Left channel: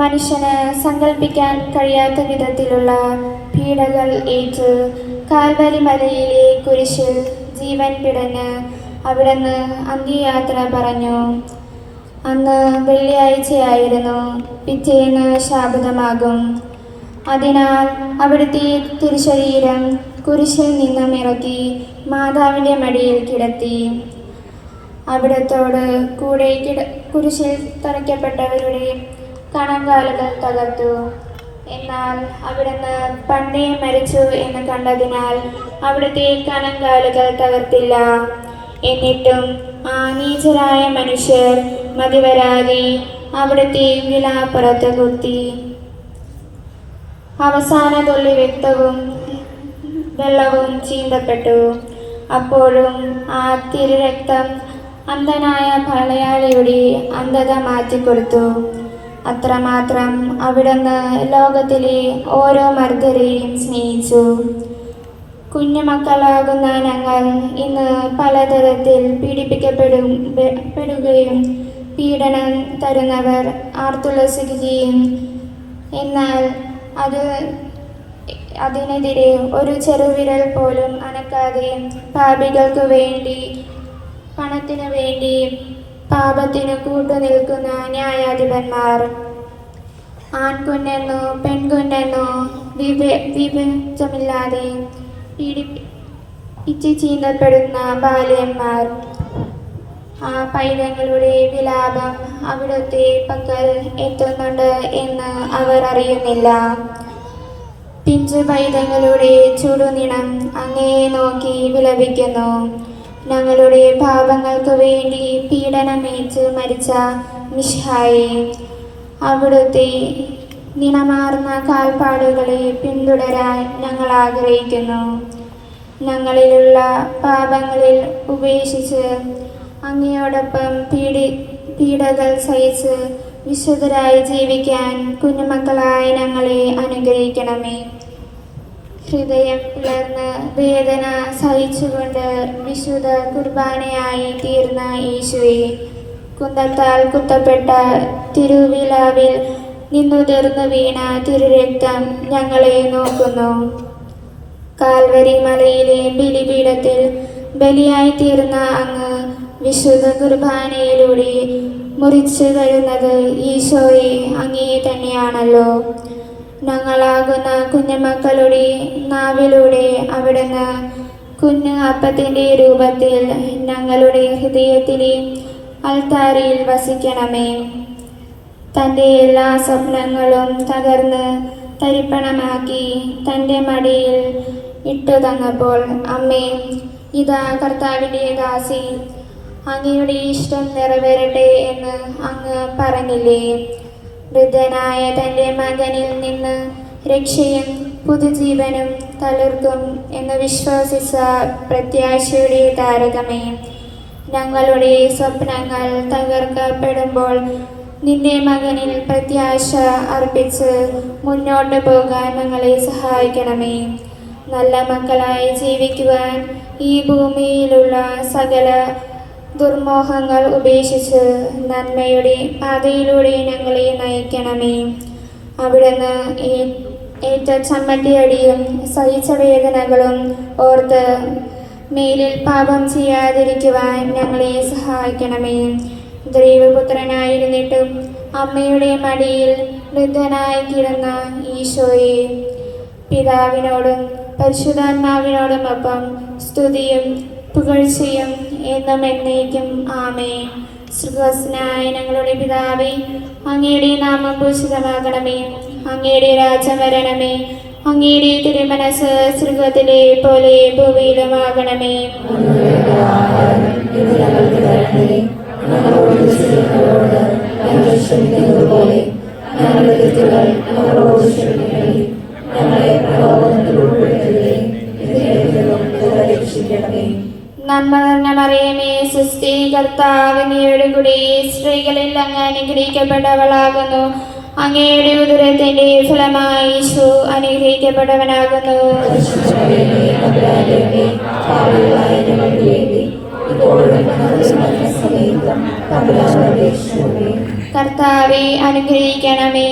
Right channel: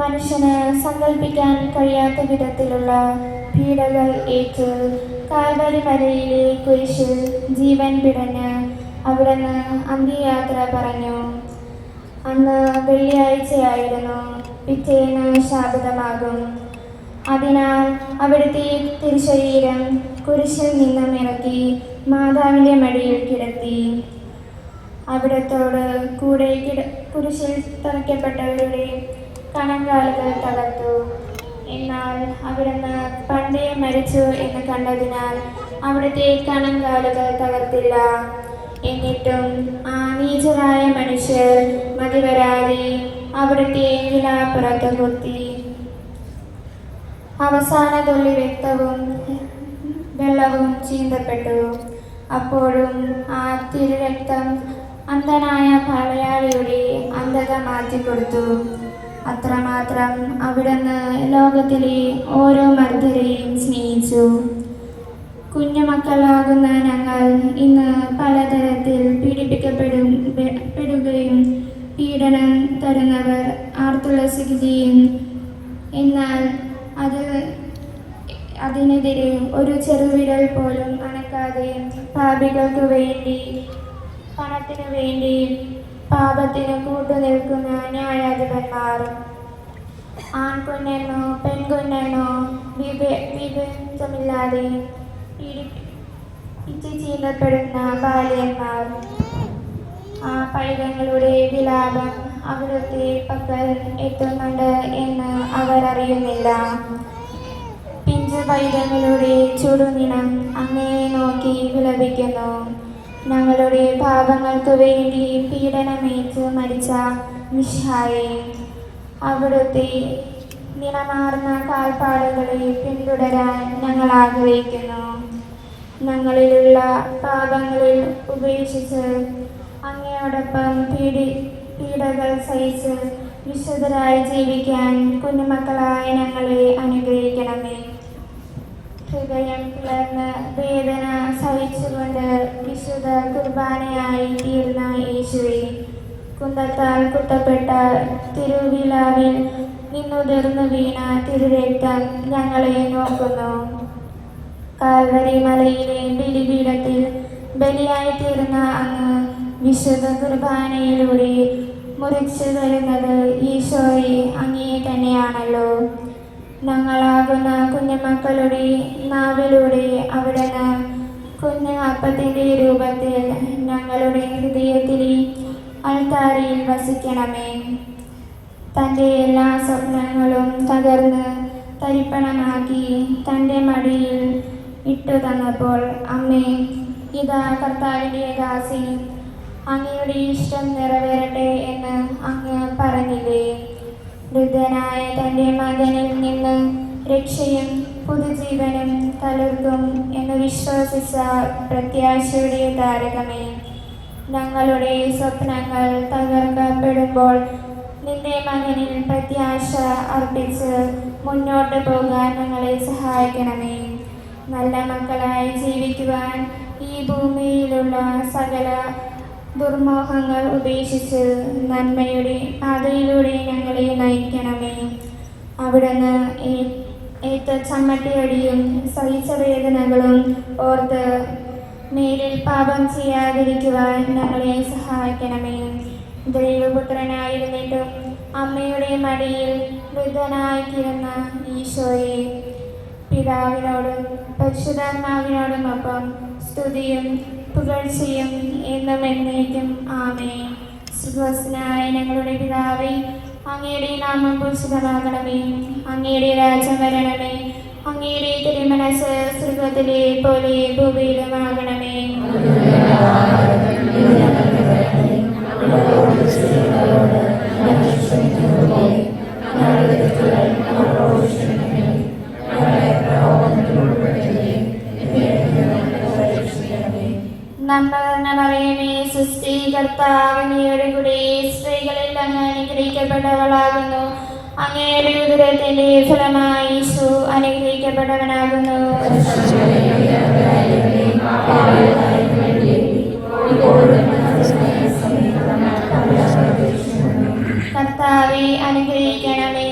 മനുഷ്യന് സങ്കല്പിക്കാൻ കഴിയാത്ത വിധത്തിലുള്ള പീഡകൾ ഏറ്റ് കാൽവരി മലയിലെ കുരിശിൽ ജീവൻ പിടഞ്ഞ് അവിടുന്ന് അന്ത്യയാത്ര പറഞ്ഞു. അന്ന് വെള്ളിയാഴ്ചയായിരുന്നു. പിറ്റേന്ന് ശാബതമാകും. അതിനാൽ അവിടുത്തെ തിരുശരീരം കുരിശിൽ നിന്നും ഇറക്കി മാതാവിൻ്റെ മടിയിൽ കിടത്തി. അവിടത്തോട് കൂടെ കുരിശിൽ തറയ്ക്കപ്പെട്ടവരുടെ കണങ്കാലുകൾ തകർത്തു. എന്നാൽ അവിടുന്ന് പണ്ടേ മരിച്ചു എന്ന് കണ്ടതിനാൽ അവിടുത്തെ കണങ്കാലുകൾ തകർത്തില്ല. എന്നിട്ടും ആ നീചരായ മനുഷ്യർ മതിവരാതെ അവിടുത്തെ വിലാപ്പുറത്ത് കുത്തി. അവസാന തുള്ളി രക്തവും വെള്ളവും ചീന്തപ്പെട്ടു. അപ്പോഴും ആ തിരുരക്തം അന്ധനായ പടയാളിയുടെ അന്ധത മാറ്റിക്കൊടുത്തു. അത്രമാത്രം അവിടുന്ന് ലോകത്തിലെ ഓരോ മർദ്ദരെയും സ്നേഹിച്ചു. കുഞ്ഞുമക്കളാകുന്ന ഞങ്ങൾ ഇന്ന് പലതരത്തിൽ പീഡിപ്പിക്കപ്പെടുകയും പീഡനം തരുന്നവർ ആർത്തുല്ലസിക്കുകയും എന്നാൽ അതിനെതിരെ ഒരു ചെറുവിരൽ പോലും അനക്കാതെ പാപികൾക്ക് വേണ്ടി പണത്തിനു വേണ്ടി പാപത്തിന് കൂട്ടുനിൽക്കുന്ന ന്യായാധിപന്മാർ, ആൺകുഞ്ഞെന്നോ പെൺകുഞ്ഞെന്നോ വിവേചമില്ലാതെ പിച്ച് ചീന്തപ്പെടുന്ന ബാല്യന്മാർ, ആ പൈതങ്ങളുടെ വിലാപം അവിടുത്തെ പക്കൽ എത്തുന്നുണ്ട് എന്ന് അവർ അറിയുന്നില്ല. പിഞ്ചു പൈതങ്ങളുടെ ചുടുനിണം അങ്ങയെ നോക്കി വിലപിക്കുന്നു. ഞങ്ങളുടെ പാപങ്ങൾക്ക് വേണ്ടി പീഡനമേറ്റ് മരിച്ച മിശിഹായെ, അവിടുത്തെ നിണമാർന്ന കാൽപ്പാടുകളെ പിന്തുടരാൻ ഞങ്ങൾ ആഗ്രഹിക്കുന്നു. ഞങ്ങളിലുള്ള പാപങ്ങളിൽ ഉപേക്ഷിച്ച് അങ്ങയോടൊപ്പം പീഡകൾ സഹിച്ച് വിശുദ്ധരായി ജീവിക്കാൻ കുഞ്ഞുമക്കളായ ഞങ്ങളെ അനുഗ്രഹിക്കണമേ. ഹൃദയം പിളർന്ന് വേദന സഹിച്ചുകൊണ്ട് വിശുദ്ധ കുർബാനയായി തീർന്ന യേശുവെ, കുന്തത്താൽ കുത്തപ്പെട്ട തിരുവിലാവിൽ നിന്നുതിർന്നു വീണ തിരുരക്തം ഞങ്ങളെ നോക്കുന്നു. കാൽവരി മലയിലെ ബലിപീഠത്തിൽ ബലിയായി തീർന്ന അങ്ങ് വിശുദ്ധ കുർബാനയിലൂടെ മുറിച്ചു തരുന്നത് ഈശോയെ അങ്ങേ തന്നെയാണല്ലോ. ഞങ്ങളാകുന്ന കുഞ്ഞുമക്കളുടെ നാവിലൂടെ അവിടുന്ന് കുഞ്ഞു അപ്പത്തിൻ്റെ രൂപത്തിൽ ഞങ്ങളുടെ ഹൃദയത്തിലെ അൾത്താരയിൽ വസിക്കണമേ. തൻ്റെ എല്ലാ സ്വപ്നങ്ങളും തകർന്ന് തരിപ്പണമാക്കി തൻ്റെ മടിയിൽ ഇട്ടു തന്നപ്പോൾ, അമ്മേ, ഇതാ കർത്താവിൻ്റെ ദാസി, അങ്ങയുടെ ഇഷ്ടം നിറവേറട്ടെ എന്ന് അങ്ങ് പറഞ്ഞില്ലേ? വൃദ്ധനായ തൻ്റെ മകനിൽ നിന്ന് രക്ഷയും പുതുജീവനും തളിർക്കും എന്ന് വിശ്വസിച്ച പ്രത്യാശയുടെ താരകമേ, ഞങ്ങളുടെ സ്വപ്നങ്ങൾ തകർക്കപ്പെടുമ്പോൾ നിന്റെ മകനിൽ പ്രത്യാശ അർപ്പിച്ച് മുന്നോട്ട് പോകാൻ ഞങ്ങളെ സഹായിക്കണമേ. നല്ല മക്കളായി ജീവിക്കുവാൻ ഈ ഭൂമിയിലുള്ള സകല ദുർമോഹങ്ങൾ ഉപേക്ഷിച്ച് നന്മയുടെ പാതയിലൂടെ ഞങ്ങളെ നയിക്കണമേ. അവിടുന്ന് ഏറ്റ ചമ്മട്ടിയടിയും സഹിച്ച വേദനകളും ഓർത്ത് മേലിൽ പാപം ചെയ്യാതിരിക്കുവാൻ ഞങ്ങളെ സഹായിക്കണമേ. ദൈവപുത്രനായിരുന്നിട്ടും അമ്മയുടെ മടിയിൽ വൃദ്ധനായി കിടന്ന ഈശോയെ, പിതാവിനോടും പരിശുദ്ധാത്മാവിനോടുമൊപ്പം സ്തുതിയും പുകഴ്ചയും എന്നും എന്നേക്കും ആമേൻ. സ്വർഗ്ഗസ്ഥനായ ഞങ്ങളുടെ പിതാവേ, അങ്ങയുടെ നാമം പൂജിതമാകണമേ. അങ്ങയുടെ രാജ്യം വരണമേ. അങ്ങയുടെ തിരുമനസ് സ്വർഗ്ഗത്തിലെ പോലെ ഭൂമിയിലുമാകണമേ. നമ്മറിയമേ, സുസ്ഥി, കർത്താവ് അങ്ങയുടെ കൂടെ സ്ത്രീകളിൽ അങ്ങ് അനുഗ്രഹിക്കപ്പെട്ടവളാകുന്നു. അങ്ങയുടെ ഉദരത്തിന്റെ ഫലമായി യേശു അനുഗ്രഹിക്കപ്പെട്ടവനാകുന്നു. കർത്താവെ അനുഗ്രഹിക്കണമേ.